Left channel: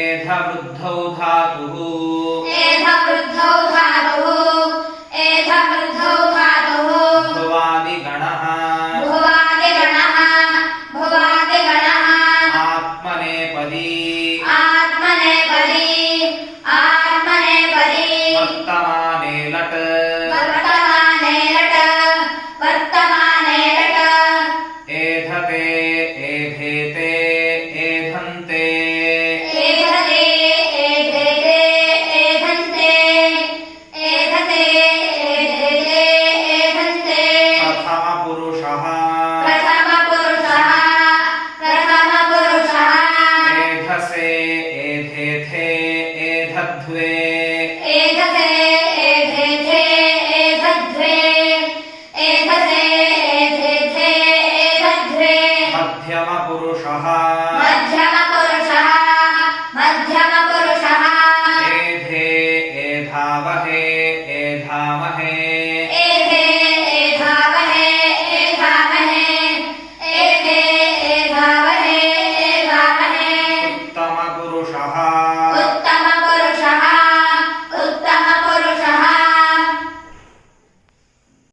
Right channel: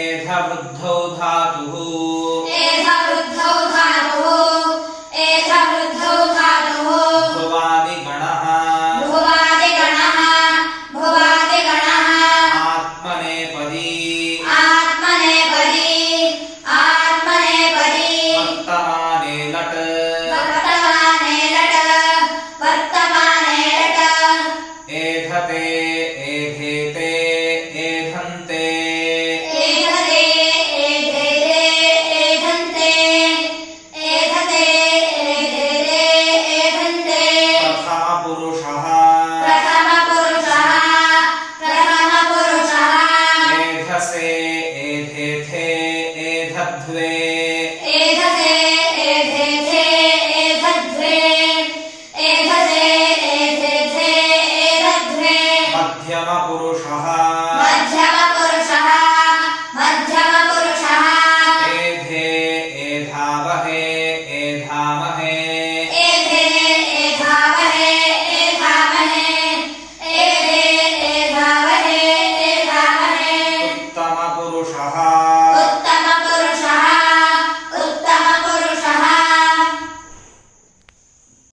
एधवृद्धौ धातुः भुवादिगणः आत्मनेपदी वर्तमाने लट् एधते एधेते एधन्ते प्रथम पुरुषः एधसे एधेथे एधध्वे मध्यम पुरुषः एधे एधावहे एधामहे